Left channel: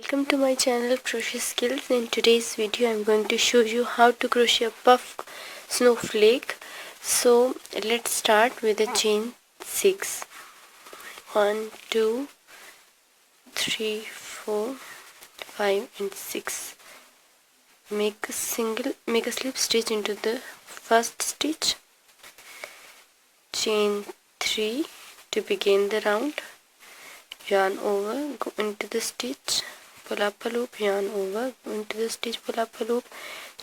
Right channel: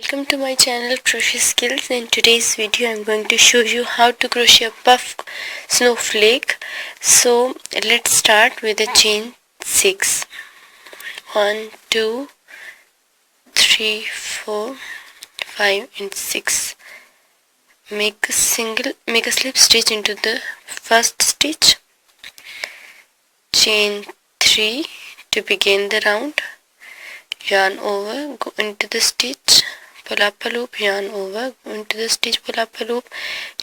Welcome to my channel Crochet Skills. In today's video I'm going to show you how to crochet a puff snowflake. So let's start with a chain 6. 1 2 3 4 5 and 6. Make a slip stitch into the first stitch. Chain 3 to begin the round. Yarn over, go into the stitch, pull up a loop, yarn over, go into the stitch, pull up a loop,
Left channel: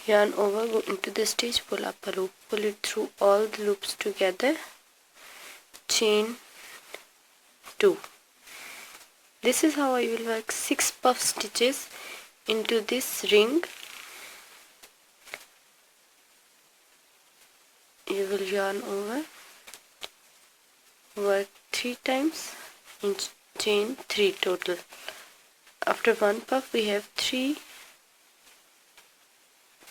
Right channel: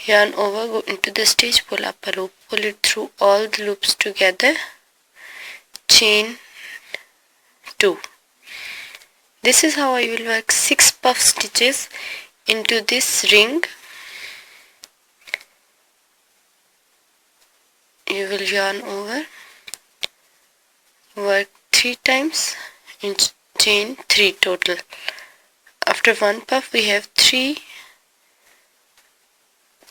yarn over, go into the stitch, pull up a loop. Pull it through all the loops together. Chain 2. This is how I will work 6 puff stitches into this ring. You will yarn over, work 3 times and chain 3 total. After one puff we have 3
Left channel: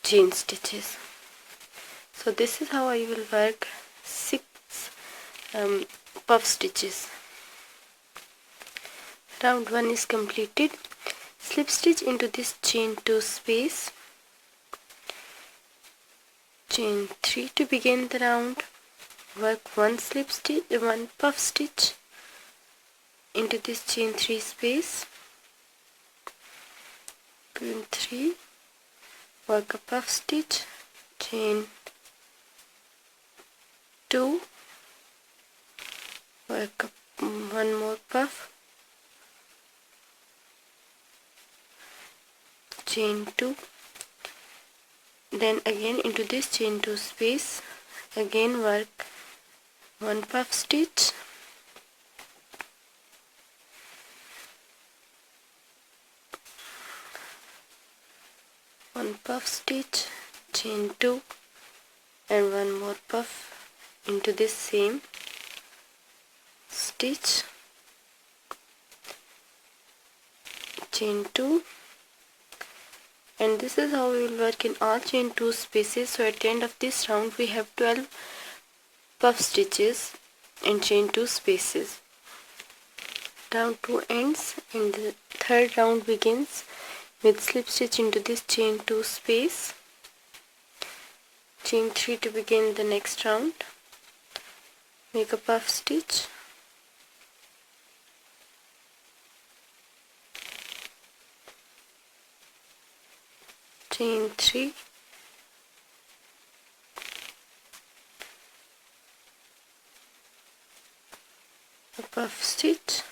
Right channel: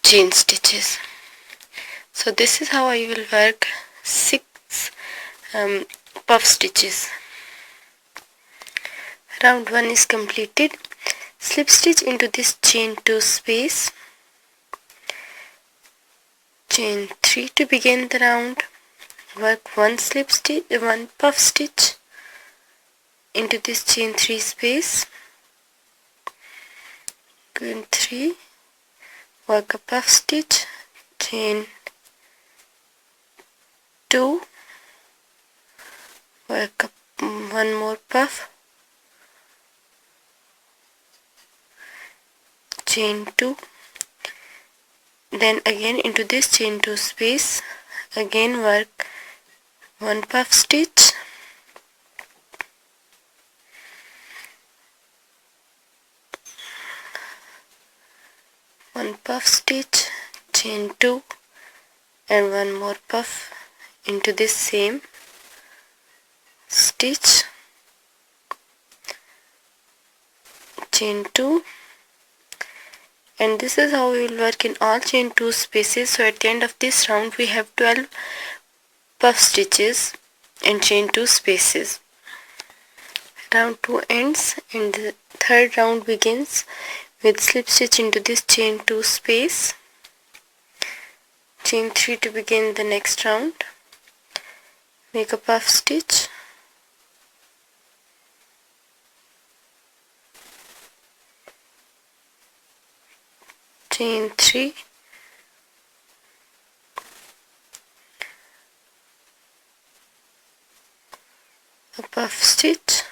chain stitches. So this is how I will work 6 puff stitches. Round 1 is completed. Slip stitch into this chain 2 space. Chain 3 to begin the round. Work 1 puff stitch into this chain 3 space. Go in 3, work a puff stitch, chain 2, work up 1 more puff, chain 2, then again into this chain 2 space, again work 1 puff stitch, one puff stitch, chain 2 and 1 more puff into this same stitch, chain 2, and this is how we will work in all chain 2 spaces. So at the end of this round we have 12 puff stitches and chain 2 spaces. Round 2 ends and the third round begins with slip stitch into this chain 2 space, chain 3 to begin the next round, make a puff stitch, chain 3, a puff stitch,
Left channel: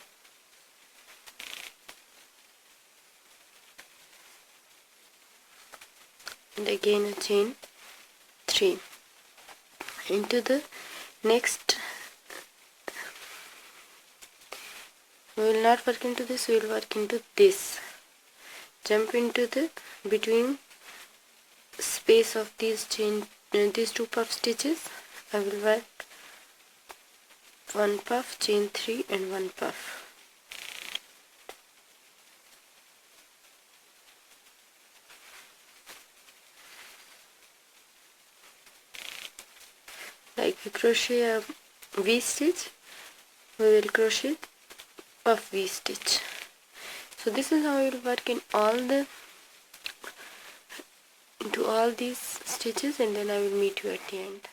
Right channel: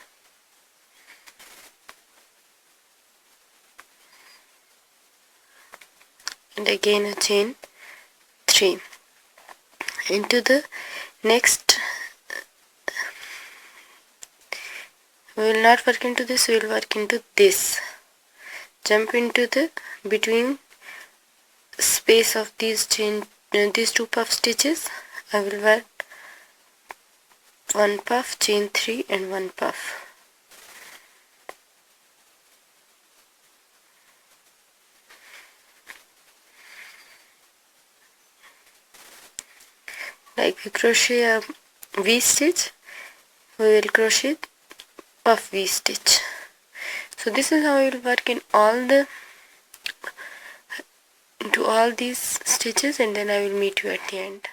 and again a chain 3. Into the next, we will not work into this, we will work into this. Jump into the between space of these 2 puff stitches. I will work 1 puff, chain 3 and 1 puff. Like we crochet a V stitch, we will crochet puff V stitch. So this is how I will work in all these stitches, and then I will meet you at the end.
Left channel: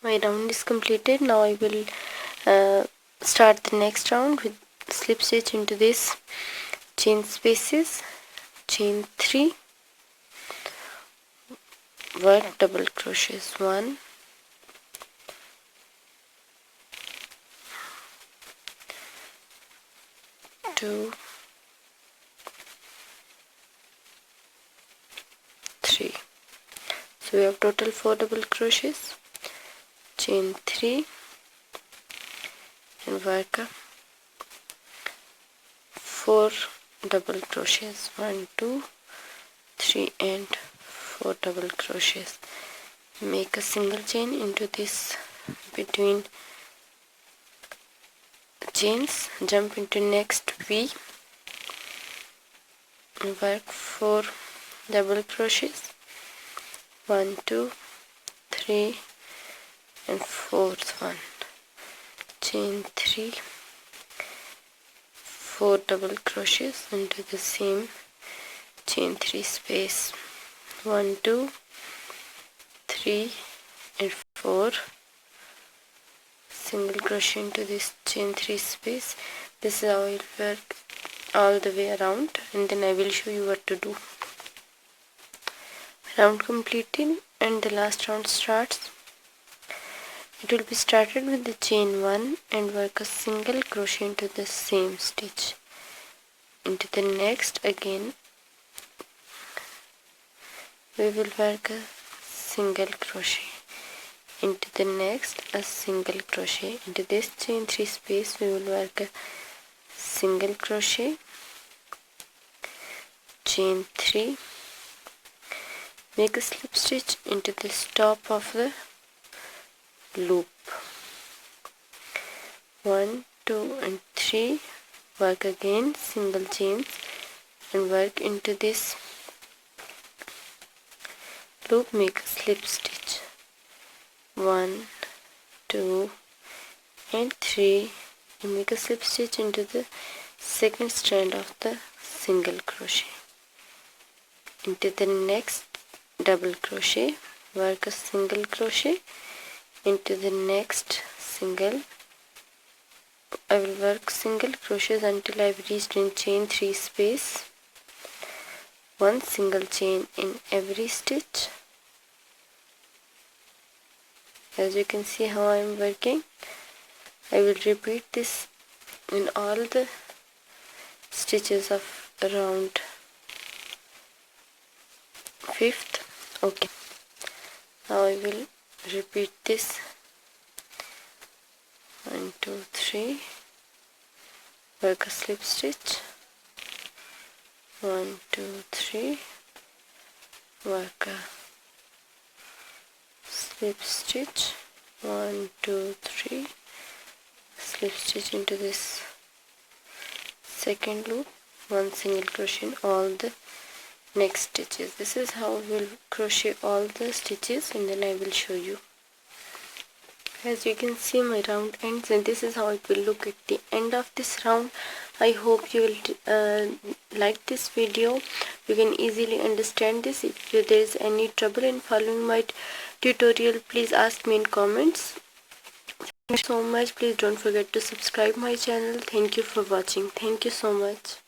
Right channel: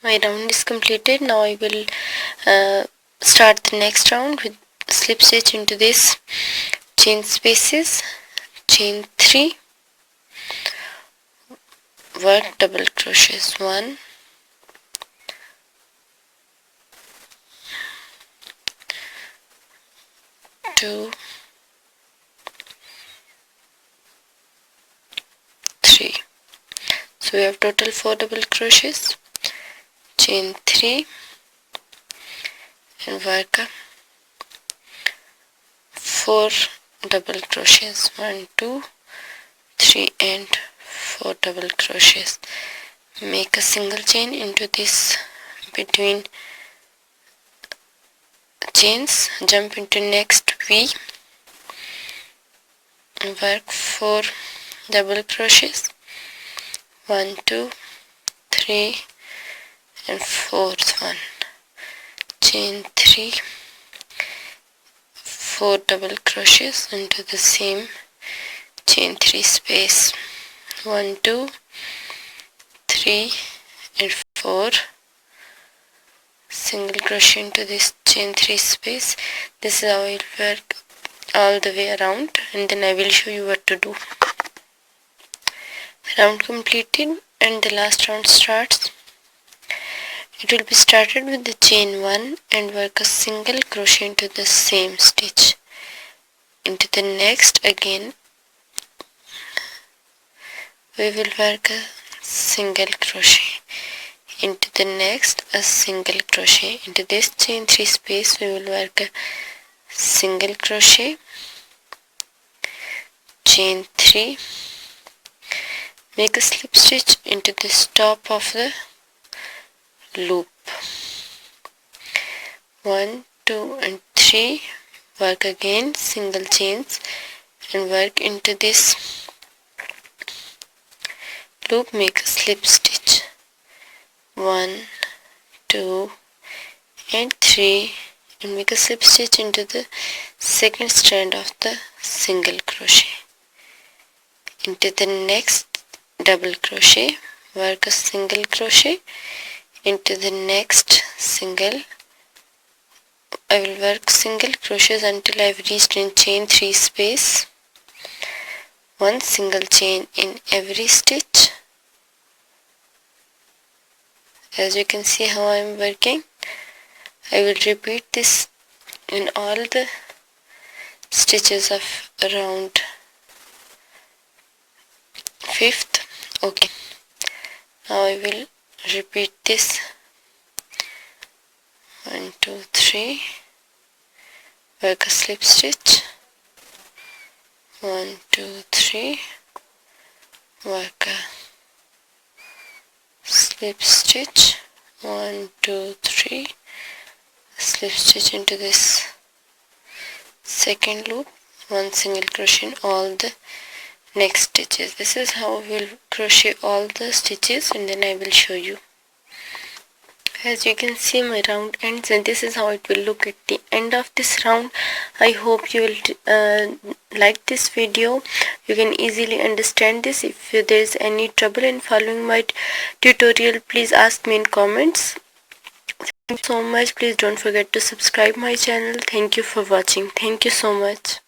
My round is completed. Now I will start the next round with slip stitch into this chain spaces, chain 3, work double crochets 1, 2, 3. So we have total 4 double crochets, chain 3 and work 4 double crochets, 1 2 3 and 4 double crochets. Make a single chain into this between chains, jump into next V, work 4 double crochets, 1 2 3 and 4th one, chain 3, 4 double crochets into the same chain 3 space. 1 2 3 and 4 single crochet into this chain 3 space. This is how it will work all the way around, and then I will show you what to do. Round completed, and the last round starts. It will be started with the chain 1 and work a single crochet into the same stitch. Into the next again we will work a single crochet. Into the next a single crochet. Into this chain 3 space we will work a single crochet, chain 3, make a slip stitch into the top of the loop. 1 2 and 3, work again single chains and work into this loop, make a slip stitch. 1 2 and 3 and make a slip stitch into the second strand of the single crochet. Into the next double crochet, work a single crochet. Into the next single, I will work single crochets until I have reached in chain 3 space. One single chain in every stitch. As you can see how I am working, I will repeat this in all the stitches of around 5th. Okay, now I will repeat this. 1 2 3, work a slip stitch. 1 2 3, work a slip stitch. 1 2 3, slip stitch into this second loop, one single crochet in all the next stitches. This is how we will crochet all the stitches, and then I will show you. As you can see, my round ends, and this is how it will look at the end of this round. I hope you will like this video. You can easily understand this. If there is any trouble in following my tutorial, please ask me in comments. Thank you so much. Please don't forget to subscribe my channel. Thank you for watching. Thank you so much.